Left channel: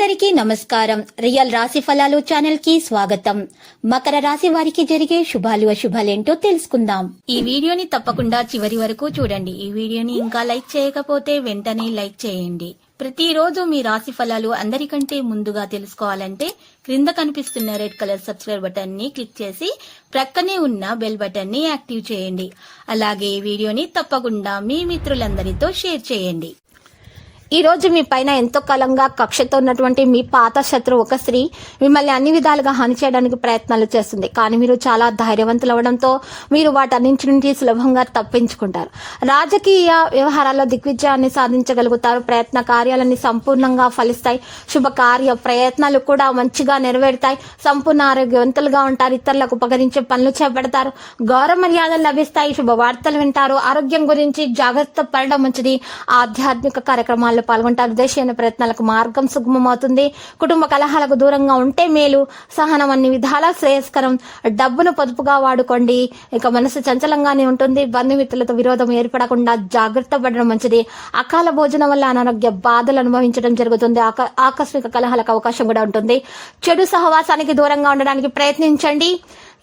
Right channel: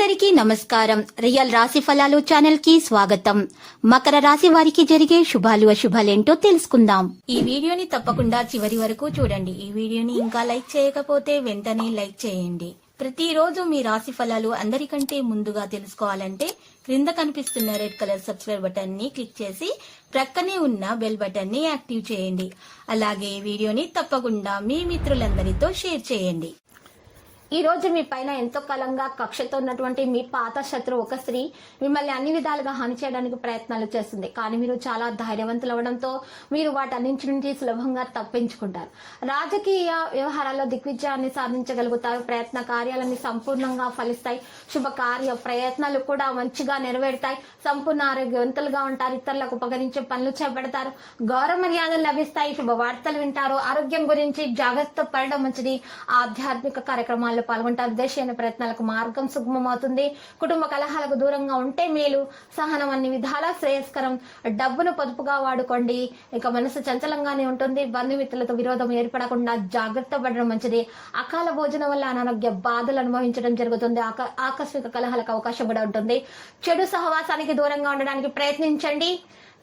అందరికీ నమస్కారం. రియల్ రాశి ఫలాలు ఛానల్ కి స్వాగతం. మకర రాశి వారికి జరిగే శుభాలు అశుభాలేంటో తెలుసుకుందాం. ఈ వీడియోని తప్పకుండా చివరి వరకు చూడండి. ఈ వీడియోని ఇంకా లైక్ చేయకపోతే వెంటనే లైక్ చేయండి. ప్రతిరోజు మీ రాశి ఫలాలు అందరికంటే ముందుగా తెలుసుకోవాలంటే క్రింద కనిపిస్తున్న రెడ్ కలర్ సబ్స్క్రైబ్ బటన్ ని క్లిక్ చేసి ప్రక్కనే ఉన్న బెల్ బటన్ ని యాక్టివ్ చేయండి. అలాగే ఈ వీడియోని తప్పకుండా మీ మిత్రులందరితో షేర్ చేయండి. ఈ రోజు మీ పైన ఎంతో కాలంగా కక్షతో ఉన్నటువంటి మీ పాత శత్రువు ఒక స్త్రీ మిమ్మల్ని అన్ని విధాలుగా హాని చేయడానికి ప్రయత్నాలు చేస్తుంది. కానీ మీరు చాలా ధైర్యవంతులు అవడంతో మీరు వాటన్నింటి నుంచి సులభంగా తప్పించుకుంటారు. రాజకీయ వ్యవహారాల్లో దిగ్విజయాన్ని సాధించగలుగుతారు. ప్రయత్న కార్యాలన్నీ సంపూర్ణంగా ఫలిస్తాయి. శుభకార్య ప్రయత్నాలు కూడా మంచిగా నెరవేరుతాయి. సంపూర్ణ ఆరోగ్యవంతులుగా ఉంటారు. ఇతరులకు ఉపకరించే పనులు చేపడతారు. గౌరవ మర్యాదలు లభిస్తాయి. శుభవార్తలు వింటారు. ఆరోగ్యం గురించి జాగ్రత్త పడడం మంచిది. ఆధ్యాత్మిక కార్యక్రమాల్లో పాల్గొంటారు. దేశీయ ప్రయత్నాలకు మార్గం సుగమమవుతుంది. కుటుంబ కలహాలకు దూరంగా ఉంటే మేలు. సహనం అన్ని విధాలా శ్రేయస్కరం. డబ్బును పొదుపుగా వాడుకోండి. ఇక మనసు చంచలంగానే ఉంటుంది. బంధుమిత్రులతో విరోధం ఏర్పడకుండా జాగ్రత్త పడడం మంచిది. అకాల భోజనం వల్ల అనారోగ్య బాధలు అనుభవించడం జరుగుతుంది. ఆకస్మిక కలహాలకు అవకాశం కూడా ఉంటుంది. చెడు సహవాసానికి దూరంగా ఉండడానికి ప్రయత్నించండి.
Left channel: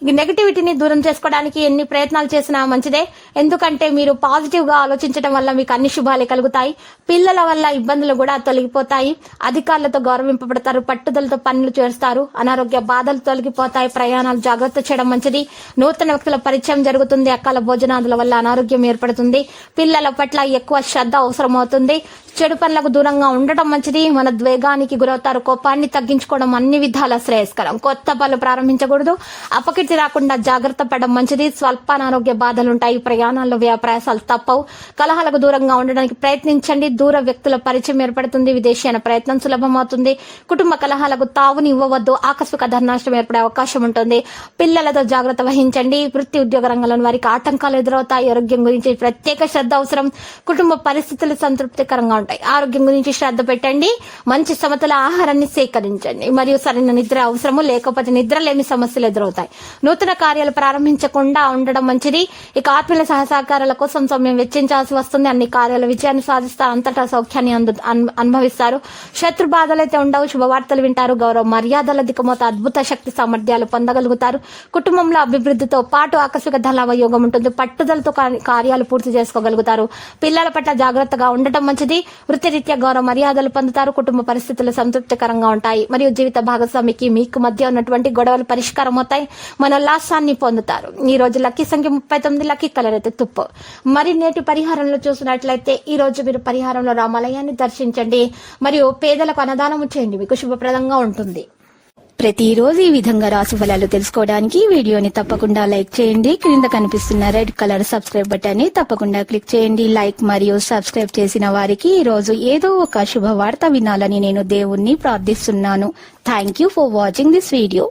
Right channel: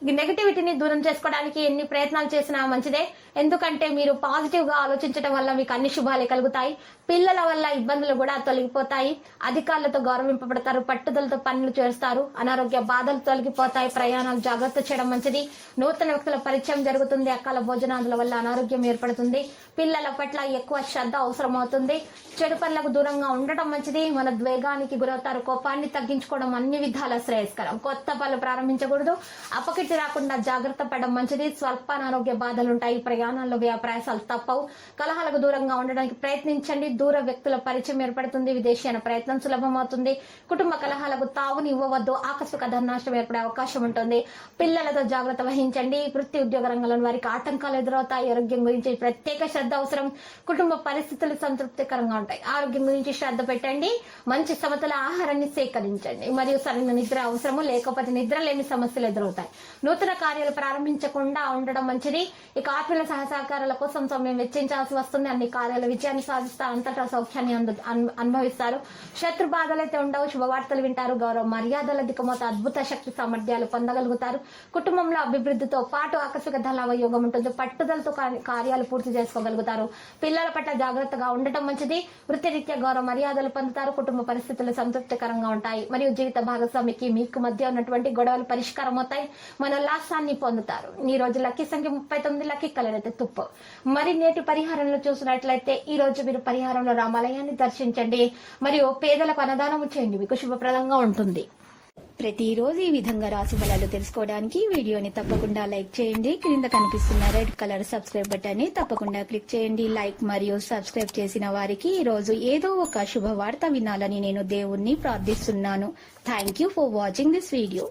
నెగటివిటీని దూరం చేసుకోవడానికి ఎన్ని ప్రయత్నాలు చేసినా మంచిదే. ఎందుకంటే మీరు పాజిటివ్ గా ఆలోచించడం వల్ల మీకు అన్ని శుభాలే కలుగుతాయి. పిల్లల వల్ల ఇబ్బందులు కూడా తొలగిపోతాయి. అధికారులతో గౌరవింపబడతారు. పట్టుదలతో పనులు చేస్తారు. అనారోగ్య బాధలు తొలగిపోతాయి. ప్రయాణాలు జాగ్రత్త చేయడం మంచిది. నూతన వ్యక్తుల పరిచయం జరుగుతుంది. అకాల భోజనాదుల వల్ల అనారోగ్యం ఏర్పడుతుంది. పిల్లల పట్ల ఎక్కువ శ్రద్ధ అవసరం అవుతుంది. చెడు పనులకు దూరంగా ఉండటం మంచిది. మన ద్వేగానికి గురవుతారు. కోపాన్ని తగ్గించుకోవడం అన్ని విధాల శ్రేయస్కరం. కొత్త పనులు ప్రారంభించకూడదు. అపకీర్తి రాకుండా జాగ్రత్త పడడం మంచిది. స్వల్ప అనారోగ్య బాధలుంటాయి. ప్రయాణాల్లో ప్రయాసాలు తప్పవు. కలహాలకు దూరంగా ఉండడానికి ప్రయత్నించండి. దూర వ్యక్తుల పరిచయం ఏర్పడుతుంది. విదేశీయాన ప్రయత్నం సులభమవుతుంది. కుటుంబ కలహాలకు తావుని ఇవ్వవద్దు. ఆకస్మిక ధననష్టం ఏర్పడే అవకాశం ఉంటుంది. పిల్లలతో జాగ్రత్త వహించండి. వృత్తి ఉద్యోగ రంగంలోని వారికి ఆటంకాలు ఎదురవుతాయి. ఆరోగ్యం గురించి ప్రత్యేక శ్రద్ధ అవసరం. కుటుంబ పరిస్థితులు సంతృప్తికరంగా ఉంటాయి. ఆరోగ్యం గురించి శ్రద్ధ పెట్టండి. మంచి సమతుల ఆహారాన్ని సేకరించండి. మరియు సరైన నిద్ర అవసరము. లేకపోతే నిద్ర లేని సమస్యలు ఎదురవుతాయి. నూతన కార్యాలు ప్రారంభించకుండా ఉండడం మంచిది. ఇక ఆత్మీయుల సహసహకారాల కోసం సమయం వెచ్చించాల్సి వస్తుంది. అన్ని కార్యాల విజయాన్ని సాధిస్తారు. అంతటా సౌఖ్యాన్ని అనుభవిస్తారు. శత్రు బాధలైతే ఉండవు. శుభవార్తలు వింటారు. గౌరవ మర్యాదల దిక్కుమోత అద్భుత శక్తి సామర్థ్యాలు పొందగలుగుతారు. కుటుంబంలో అభివృద్ధితో పాటు ఆకస్మిక ధనలాభ యోగం ఉంటుంది. పట్టుదలతో కార్యాలు పూర్తి చేసుకోగలుగుతారు. పిల్లల పట్ల జాగ్రత్తగా ఉండటం మంచిది. వృత్తిరీత్యా గౌరవ మర్యాదలు పొందుతారు. కుటుంబ పరిస్థితులు సంతృప్తికరంగా ఉంటాయి. మరియు జీవిత భాగస్వామికి మీకు మధ్య ఉన్నటువంటి గొడవలు పరిష్కారం అవుతాయి. మనోల్లాసాన్ని పొందుతారు. ఈ రోజు లక్కీ సంఖ్య 39. లక్కీ కలర్ అయితే తుప్పు. మరి నేటి పరిహారంలో చూసినట్లయితే ఈ రోజు మీరు పరిహారంలో రామాలయాన్ని దర్శించండి. మరియు పేదలకు అన్నదానం చేయండి. మీకు శుభప్రదంగా ఉంటుంది. ప్రతిరోజు ఈ విధంగా రాశి ఫలాలు తెలుసుకోవడానికి వీడియోని తప్పకుండా లైక్ చేయండి. క్రింద కనిపిస్తున్న రెడ్ కలర్ సబ్స్క్రైబ్ బటన్ ని తప్పకుండా క్లిక్ చేయండి. లైక్ మరియు సబ్స్క్రైబ్ చేసిన వారికి ఈ రోజు ఏదో ఒక శుభవార్త వినాలని నేను దేవుణ్ణి ప్రార్థిస్తున్నాను. Thank you for watching this video.